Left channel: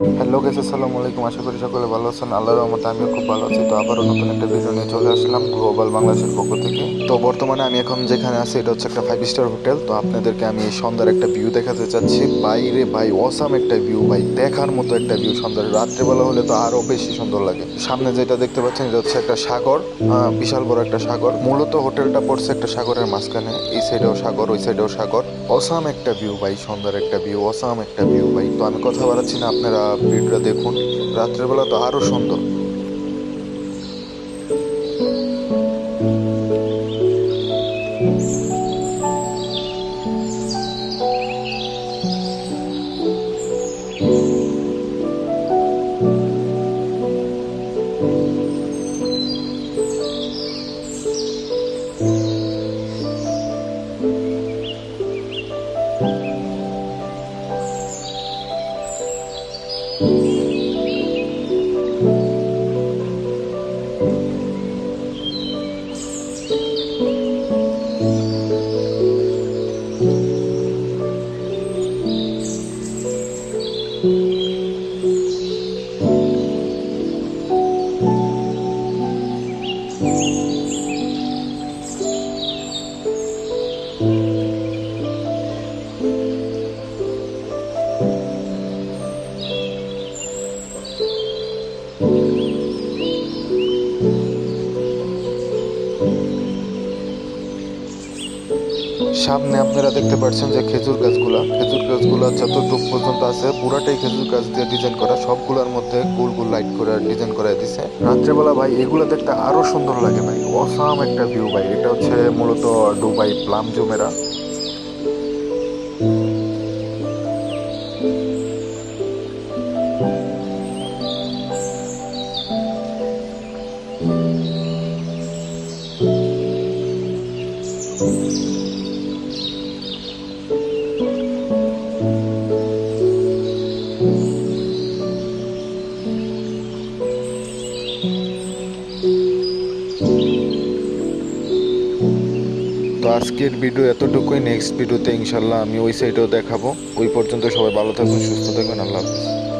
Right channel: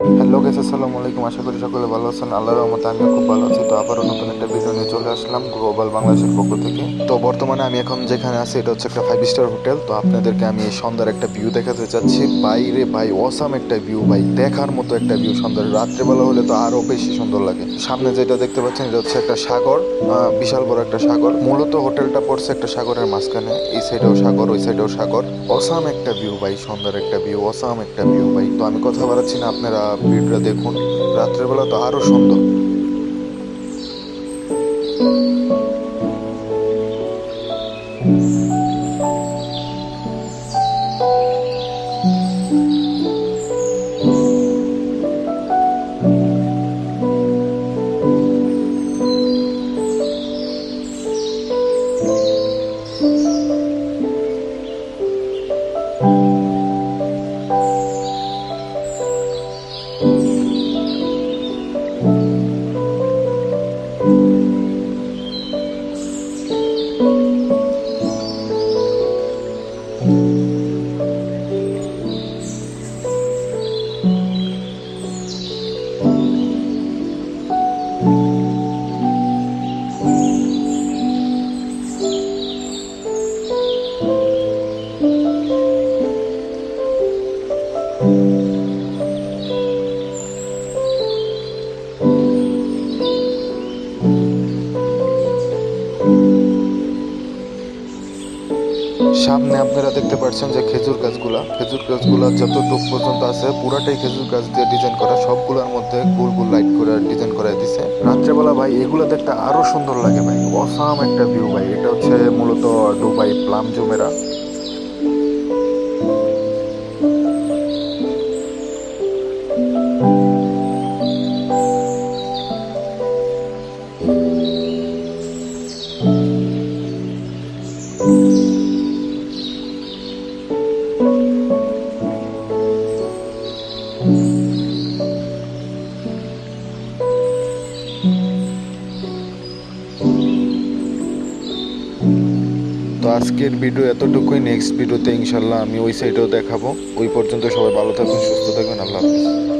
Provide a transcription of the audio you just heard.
Hello guys, আসসালামু আলাইকুম। আশা করি সকলে ভালো আছেন। আল্লাহর রহমতে আমিও খুব ভালো আছি। তো আবারও নতুন একটা ভিডিও নিয়ে চলে আসলাম গ্লোবাল বাংলাদেশের পক্ষ থেকে। তো বর্তমানে আমি এখন যেখানে আছি এটা হচ্ছে একটা 5 স্টার হোটেল। তো আপনাদেরকে আমি এই সন্ধ্যার একটা ভিউ দেখাতে চাচ্ছি। বাইরে ভাই অসাম একটা ভিউ, ভাই দেখার মতো একটা ভিউ। সন্ধ্যার রাত্রেবেলা হলে তো আরো বেশি সুন্দর লাগে। সামনে যেটা দেখতে পাচ্ছেন এটা হচ্ছে একটা সাগর, বিশাল বড় একটা সাগর। মূলত হোটেলটা পড়ছে একটা সাগরের মাঝখানে। এই সাইডেও সাগর, ওই সাইডেও সাগর। অসাম একটা ভিউ ভাই, সন্ধ্যার একটা ভিউ, অসাম একটা ভিউ ভাই। তো আমি কথা বাড়াচ্ছি না, আপনারা ভিডিওটা দেখুন। রাত্রের বেলা তো আরো সুন্দর। সামনে আপনারা দেখতে পাচ্ছেন যে খেজুর গাছগুলা যতটুক পর্যন্ত আছে পুরাটাই খেজুর গাছ দিয়ে ডিজাইন করা। সবগুলোর মধ্যে গোল গোল লাইট করে ডিজাইন করা দিছে। রাত্রেবেলা ভাই এগুলো দেখতে আরো সুন্দর লাগে ভাই। অসাম একটা ভিউ ভাই। এটা হচ্ছে মূলত দুবাই প্লাম জুমেরা। তো আজকের ভিডিও এতটুকুই। নেক্সট ভিডিওতে ইনশাল্লাহ আমি ওই সাইডেও দেখাবো। ওই পর্যন্ত সবাই ভালো থাকুন, সুস্থ থাকবেন। আল্লাহ হাফিজ।